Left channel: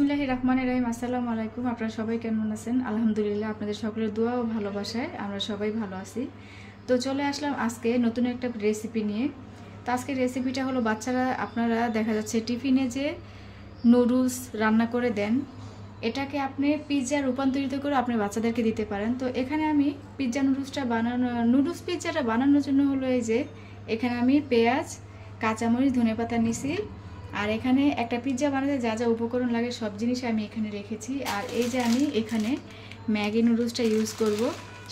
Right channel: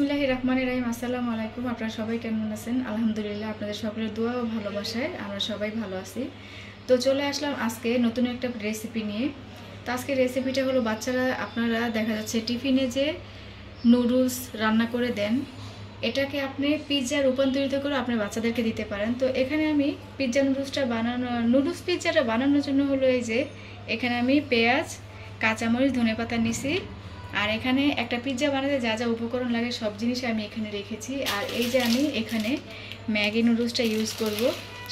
বিসমিল্লাহির রহমানির রহিম। আসসালামু আলাইকুম। আপনারা সবাই কেমন আছেন? আলহামদুলিল্লাহ, আপনাদের সকলের দোয়া ও ভালোবাসায় আমরা সবাই ভালো আছি। তো চলে আসলাম আজকে নতুন একটা রেসিপি নিয়ে। তো আজকে রেসিপিটা হলো, বাচ্চারা আপনারা দেখা যাচ্ছে টিফিনে যে নুডলস রান্না করে দেন, এটাকে আপনি পিৎজা রূপান্তরিত করে আপনার বাচ্চাদেরকে দিতে পারেন। তো এখানে আমি নুডলস পিৎজাটা বানানোর জন্য হলো এই যে এখানে আমি পেঁয়াজ, কাঁচামরিচ, ধনেপাতা নিছি। আর এখানে একটা পিৎজা বানাতে যা যা উপকরণ লাগে সব জিনিস আমি এখানে রেখেছি। আর এই যে আমি এখানে ম্যাগি নুডলসটা ইউজ করব,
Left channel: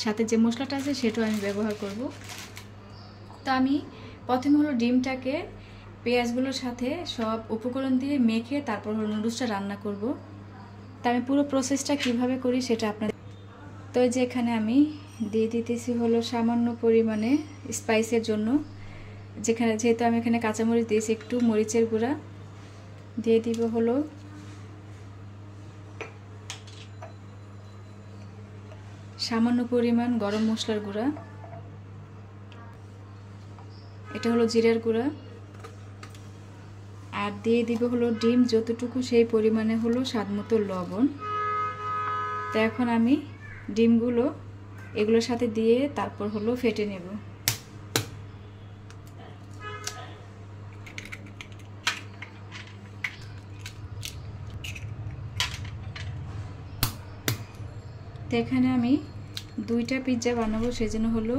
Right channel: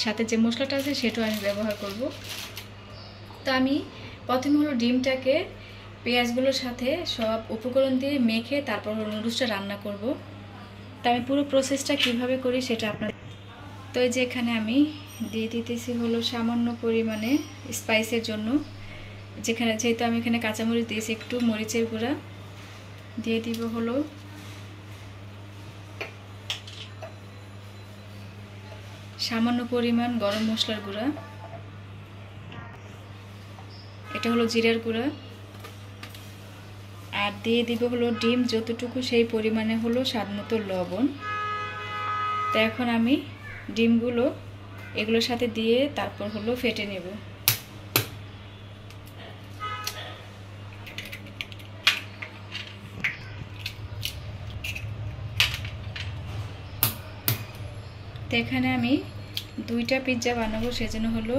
সাথে যে মশলাটা আছে সেটাও আমি ব্যবহার করব। তো আমি প্রথমে হলো ডিমটাকে পেঁয়াজগুলোর সাথে সব উপকরণ দিয়ে মেখে তারপর হলো নুডলসটা রান্না করব। তো আমি পুরো প্রসেসটা কিভাবে করি সেটা আপনার। তো এই যে এখানে আমি দিয়ে দিতেছি হলো সামান্য পরিমাণে স্পাইসের জন্য, যেহেতু আমি এখানে কাঁচামরিচ দিয়েছি, একটু মরিচের গুঁড়া দিয়ে দিব হলো সামান্য পরিমাণ গরম মশলার গুঁড়া, এটা হলো জিরার গুঁড়া, আর দিয়ে দিব হলো ডিম যতটুকু সেই পরিমাণে হলো স্বাদমতো লবণ। তো এখন আমি ডিমগুলো এগুলোর সাথে দিয়ে তারপর হলো ফেটে নেব। তো এখানে আমি 2টা পিৎজা বানাবো, সেজন্য হলো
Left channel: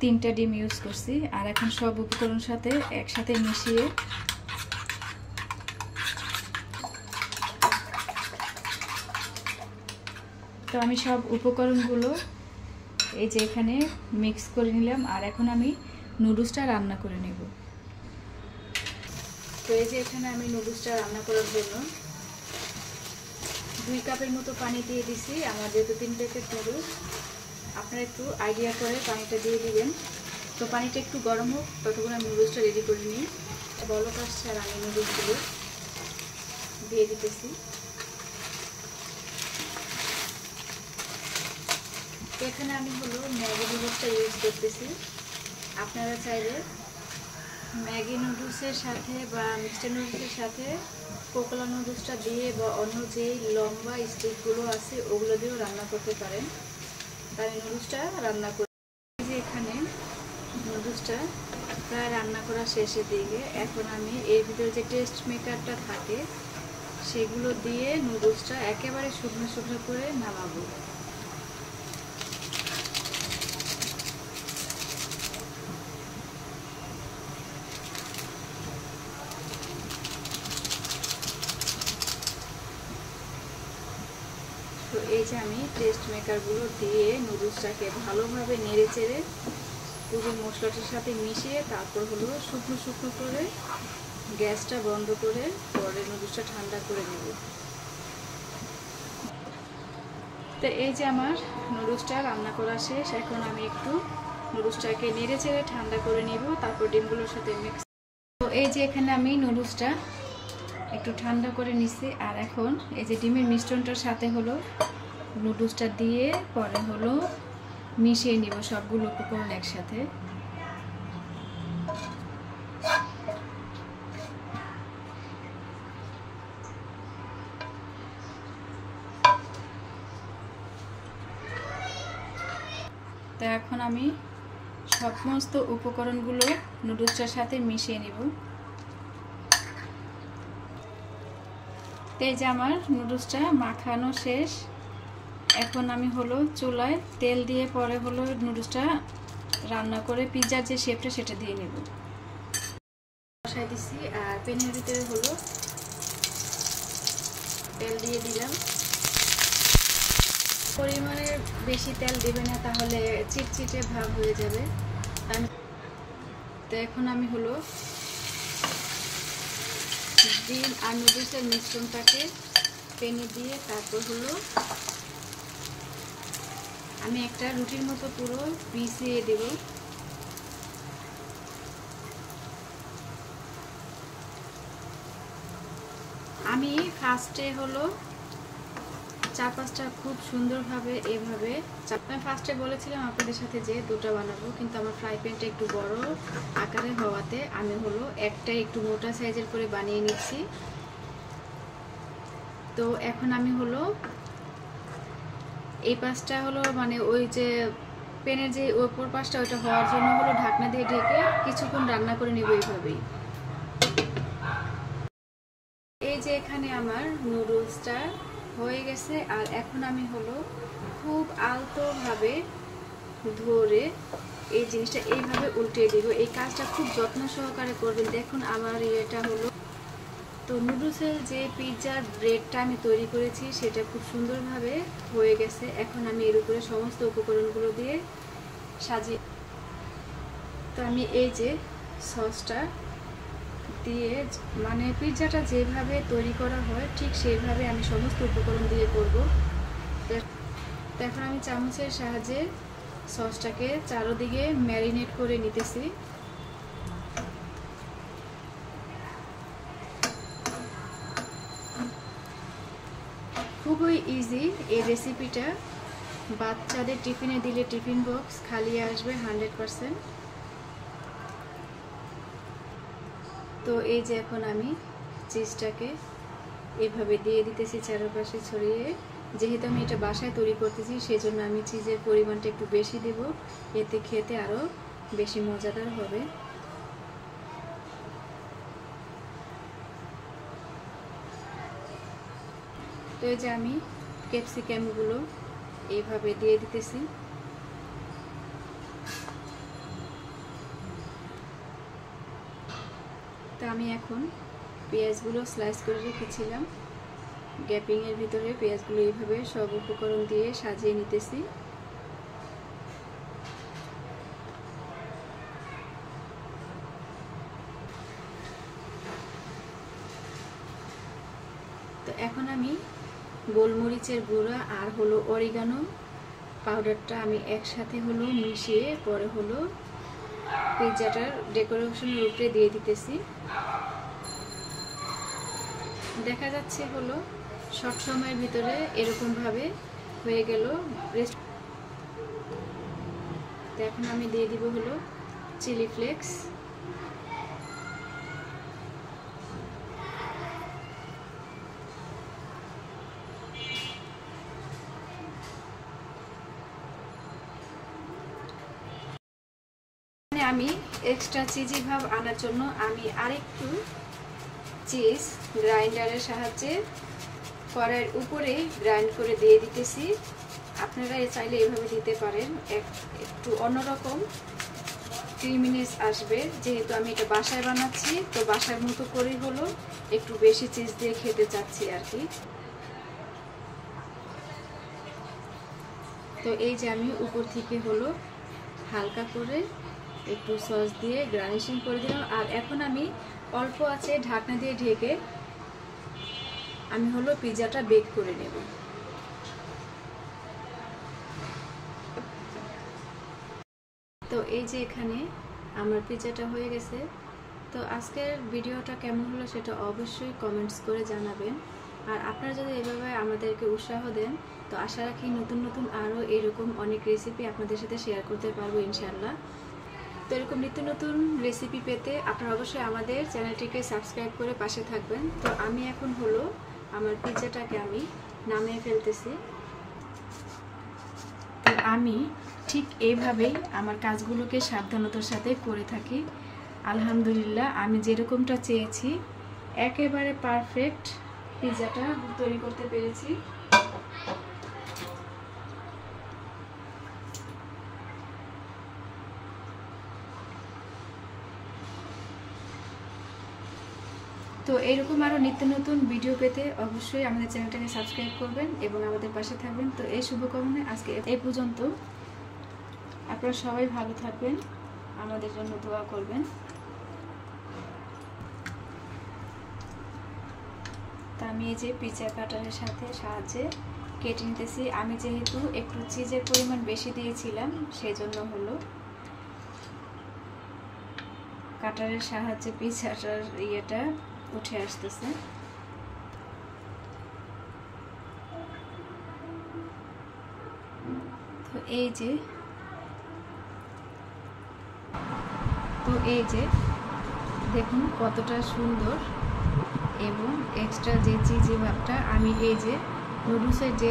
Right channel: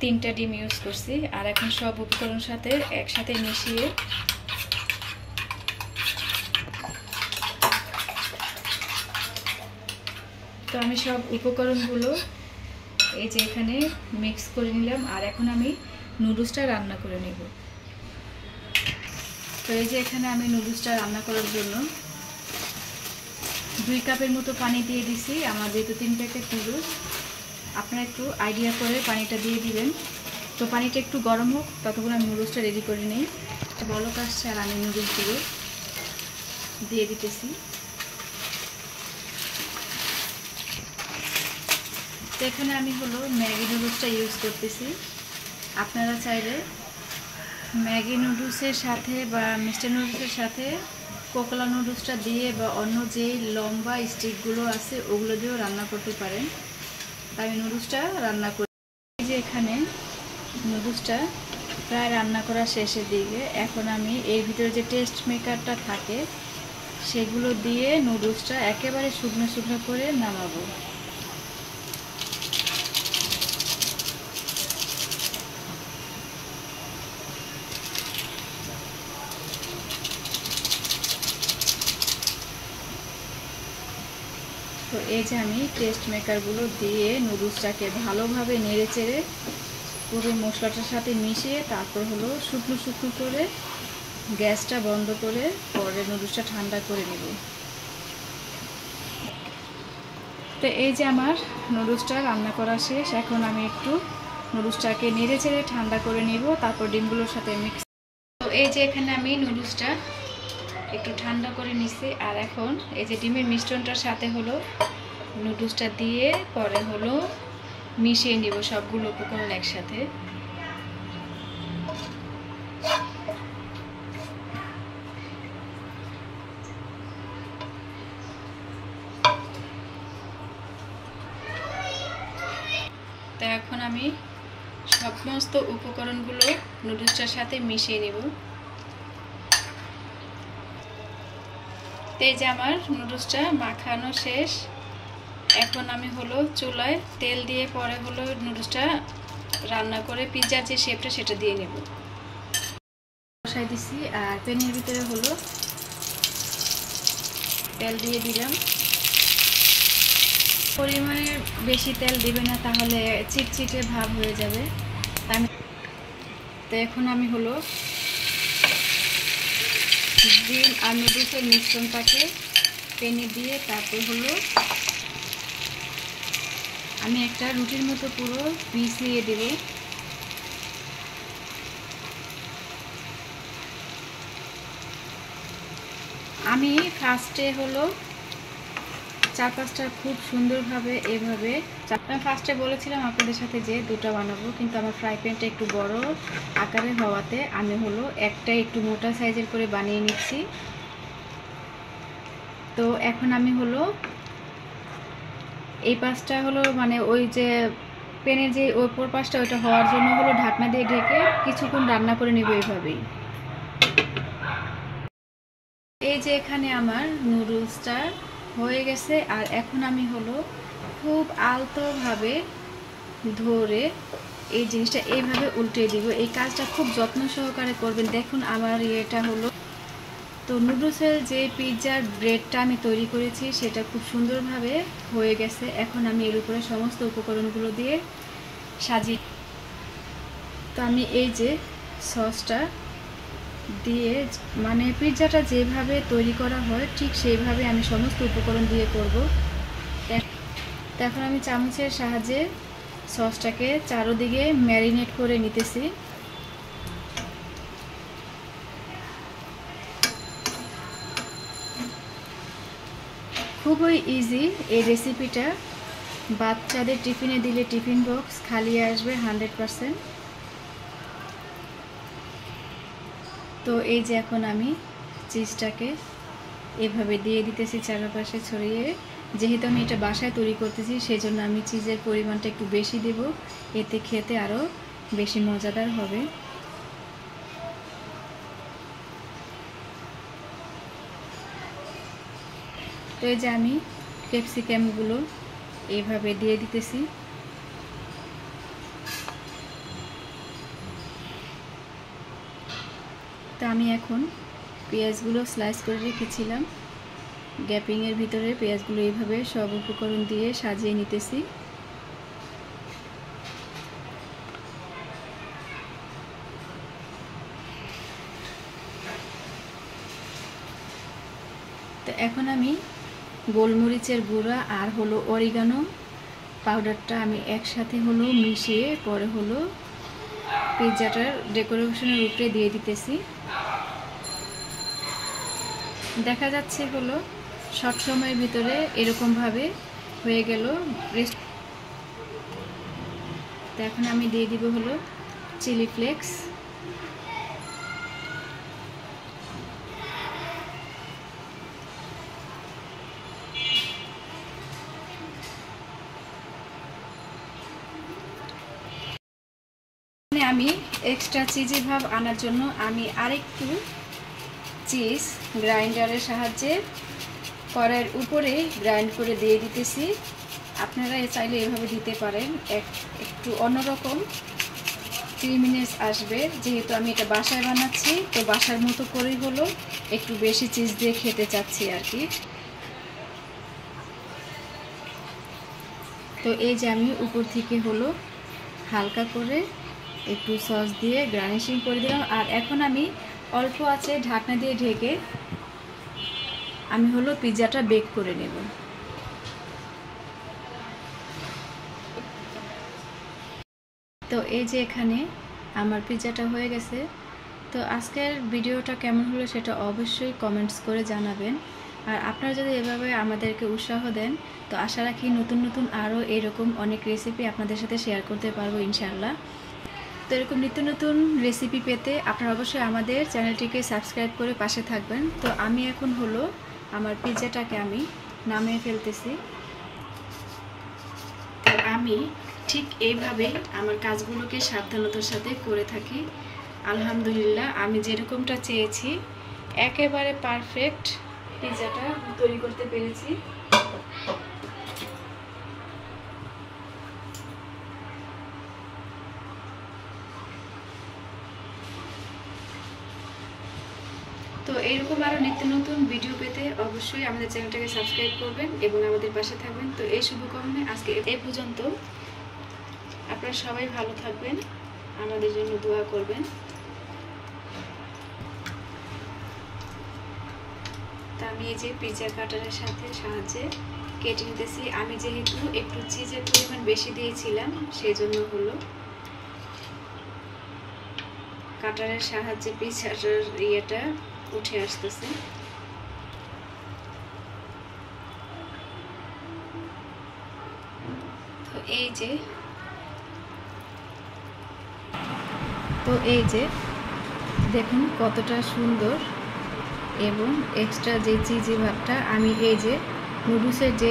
3টা ডিম ইউজ করছি। আর এখন সব উপকরণ সাথে একসাথে মিশিয়ে তো আমি সব উপকরণগুলো এই যে এখানে মিক্স করে নিলাম। আর এখন আমি নুডলসটা রান্না করে নেব। তো এই যে এখানে আমি নুডলসটা রান্না করার জন্য 2 কাপের মতো পানি দিয়ে দিছি। আমার যেহেতু 3 প্যাকেট নুডলস, আপনারা একটু আইডিয়া করে পানিটা দিয়ে দিবেন। তো পানিটা একটু গরম হোক, ততক্ষণ আমি নুডলসটা রেডি করে নিই। বলক আসছে আর আমি নুডলসগুলো দিয়ে দিতেছি। তো এখানে আমি হলো ম্যাগি নুডলসটা ইউজ করতেছি। আপনারা চাইলে ম্যাগি নুডলসের সাথে বা মিস্টার নুডলসের সাথে কোকোলা নুডলসটা দিয়ে বা অন্য যে লম্বা স্টিকগুলো আছে ওগুলো দিয়েও রান্না করতে পারেন। তাই আমি নুডলসটা রান্না করি। যে এখানে নুডলসটা প্রায় রান্না করা শেষের দিকে, এখন আমি এর ভিতরে যে টেস্ট মেকারটা থাকে সেগুলো দিয়ে নুডলসটা একেবারে শুকনো শুকনো করে নামাবো। তো এই যে আমি টেস্ট মেকারগুলো দিয়ে নুডলসটাকে ভালোভাবে নেড়ে চেড়ে পুরো মশলাটার সাথে মিশিয়ে তারপর হলো শুকনো শুকনো করে গ্যাসটা বন্ধ করে পরে নুডলসটা ঠান্ডা করে নেব। তো এই যে আমার নুডলসটা রান্না করা শেষ। এখন আমি একটু নুডলসটাকে নেড়ে চেড়ে ঠান্ডা করে নেব, তারপর ডিমগুলোর সাথে মিক্স। তো এই যে এখানে আমি নুডলসটা একটু ঠান্ডা করে নিছি। আর এখন এই যে ডিমের মিশ্রণটার সাথে হলো নুডলসটা দিয়ে পরে হলো মিশিয়ে নিব সবগুলো উপকরণ একসাথে। তো এখন আমি সমস্ত উপকরণগুলো নুডলসটার সাথে মিশিয়ে নিব। তো এই যে আমার নুডলসটা মাখানো শেষ। এখন আমি হলো চুলায় তেল দিয়ে পরে হলো নুডলসটা রান্না করে পিৎজার যে শেপটা সেটা দিয়ে নেব। বসাই দিছি আর প্যানের ভিতরে হলো তেল দিয়ে দিলাম। পরিমাণে বেশি তেল দেবে না, তাহলে চিটচিটে ভাব হয়ে যাবে। তো এখন আমি হলো ডিম আর নুডলসের মিশ্রণটাকে প্যানে দিয়ে তারপর হলো আমি একটা রুটির মতো পুরো মিশিয়ে দেব। আমি ফার্স্টে হলো 4-5টা খুব সুন্দরভাবে এভাবে ফার্স্টে বলেছিলাম আপনাদের সাথে যে 2টা বানাবো, কিন্তু আমার ফ্রাই প্যানটা একটু বড় আকারের হওয়াতে আমি হলো একটা একটু মোটা সাইজের করে বানিয়ে নিচ্ছি। তো এখন আমি হলো এই পাশটা হলো মানে ওই যে প্যানের যে ওপর পাশটা ওটা হওয়ার জন্য হলো ঢাকনা দিয়ে ঢেকে কিছুক্ষণ রান্না করে নেব এইভাবেই। এই যে এখানে আমার নুডলসটা হয়ে গেছে, আর এখন আমি হলো খুব আলতোভাবে ধরে এই জিনিসটা এইভাবে উল্টে দিব। এই কাজটা খুব যত্ন সহকারে করবেন। দেখুন আমার এটা হলো, তো নুডলসের যে পিৎজার ব্রেডটা আমি তৈরি করেছি সেটা খুব সুন্দরভাবে হয়ে গেছে। এখন আমি এর উপরে সমস্ত উপকরণগুলো দিয়ে সাজিয়ে, তো আমি এই যে সসটা দিয়ে মানে পিৎজাটা যেভাবে তৈরি করা হয় ঠিক সেইভাবে আমি সমস্ত উপকরণ দিয়ে করব। এখন আমি চামচের সাহায্যে সসটাকে চারদিকে ম্যারিনেট করে নিতেছি। খুবই ইজি এই রেসিপিটা। বাচ্চাদের টিফিনে দিলে টিফিন বক্স খালি আসবে 100%। তো এই যে এখন আমি চিজটাকে এভাবে দিয়ে দিতেছি চারপাশে ছড়িয়ে। যেহেতু আমি এটা বাসায় তৈরি করতেছি সেই জন্য আমি চিজের পরিমাণটা একটু বেশি দেব, এতে খেতে আরও বেশি মজাদার হবে। তো এই যে আমি ক্যাপসিকামগুলো এইভাবে দিয়ে দিতেছি। তো আমি এখন পেঁয়াজগুলো স্লাইস করে রেখেছিলাম, গ্যাপিংয়ের ভিতরে পেঁয়াজগুলো এইভাবে সব উপকরণ দিয়ে সাজিয়ে নিতেছি। তো এখন আমি গোলমরিচের গুঁড়া আর হলো অরিগানো পাউডারটা আমি একসাথে হলো মিশিয়ে পরে হলো পিৎজাটার ডেকোরেশনের উপরে দিয়ে দিতেছি। দেখা যাচ্ছে হলো শর্ট সময়ের ভিতরে এরকমভাবে হয়ে গেল। তো এখন আমি দিয়ে দিব হলো চিলি ফ্লেক্স। আমি এক্সট্রা চিজি ভাব আনার জন্য আমি আরেকটু চিজ গ্রাইন্ডারের সাহায্যে কড়াইয়ের উপরে গ্রাইন্ড করে দিয়ে দিতেছি। আপনারা চাইলে এভাবে দিতে পারেন, একটু অন্যরকম ক্রিমিনেস আসবে। যেহেতু আমি এটা বাসায় বানাচ্ছি তো বাসার মতো করেই হলো একটু বেশি চিজ দিয়ে খেতে চাচ্ছি আর কি। তো এই যে আমি উপর থেকে হলো হালকা করে একটু সস দিয়ে গার্নিশিং করে দিলাম। আর এখন আমি অল্প আছে ঢাকনা দিয়ে ঢেকে আমি হলো পিৎজাটা বেক করে নেব। তো এই যে এখানে আমার পিৎজাটা হয়ে গেছে। তো আজকের ভিডিওটা কেমন হলো সেটা অবশ্যই কমেন্টস করে জানাবেন। আর আপনারা যদি এভাবে আমাদেরকে উৎসাহ দেন তো আশা রাখি নতুন নতুন আরও এরকম অনেক রেসিপি আপনাদের সাথে শেয়ার করতে পারবো ইনশাআল্লাহ। তো এরকম নিত্য নতুন রেসিপি পেতে আপনারা অবশ্যই আমাদের চ্যানেলটিকে সাবস্ক্রাইব করে পাশে থাকবেন। তো আমি এখন হলো আমার পিৎজাটাকে আমি নামিয়ে ফেলতেছি। তো আমি ঠিক এইভাবেই আমার কাজগুলোকে সাবধানতার সাথে করে থাকি। আলহামদুলিল্লাহ আমি যেরকমটা চেয়েছি একেবারে পারফেক্ট পিৎজাটা তৈরি করতে পেরেছি। তো এরকম আরও নিত্য নতুন ভিডিও পেতে অবশ্যই আমাদের চ্যানেলটাকে সাবস্ক্রাইব করবেন এবং আমাদের পাশে থাকবেন। তো এই শুভকামনায় আজকে এই পর্যন্ত। আপনারা সবাই ভালো থাকবেন, আমাদের জন্য দোয়া করবেন। তা আমি এই যে পিৎজা কাটারের সাহায্যে কেটে নিতেছি। আমি যেহেতু একটু চিজের পরিমাণ বেশি দিয়েছিলাম সেই জন্য হলো কাটারের সাহায্যে পিৎজাটার ইয়েটা উঠে আসতেছে। তো এই যে দেখুন কতটা সুন্দর এবং এক্সট্রা যে চিজি ভাবটা আমি এই যে নুডলসের যে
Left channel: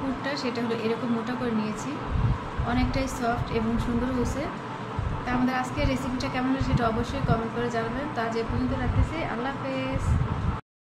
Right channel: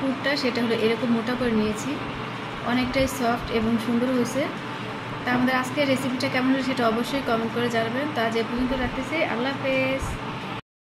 পুরটা সেটা হলো এরকম মোটা করে নিয়েছি। অনেকটাই সফট এবং সুন্দর হয়েছে। তা আমাদের আজকের রেসিপিটা কেমন হয়েছে সেটা অবশ্যই কমেন্ট করে জানাবেন। তা যে পর্যন্ত রাখতেছি, আল্লাহ হাফেজ।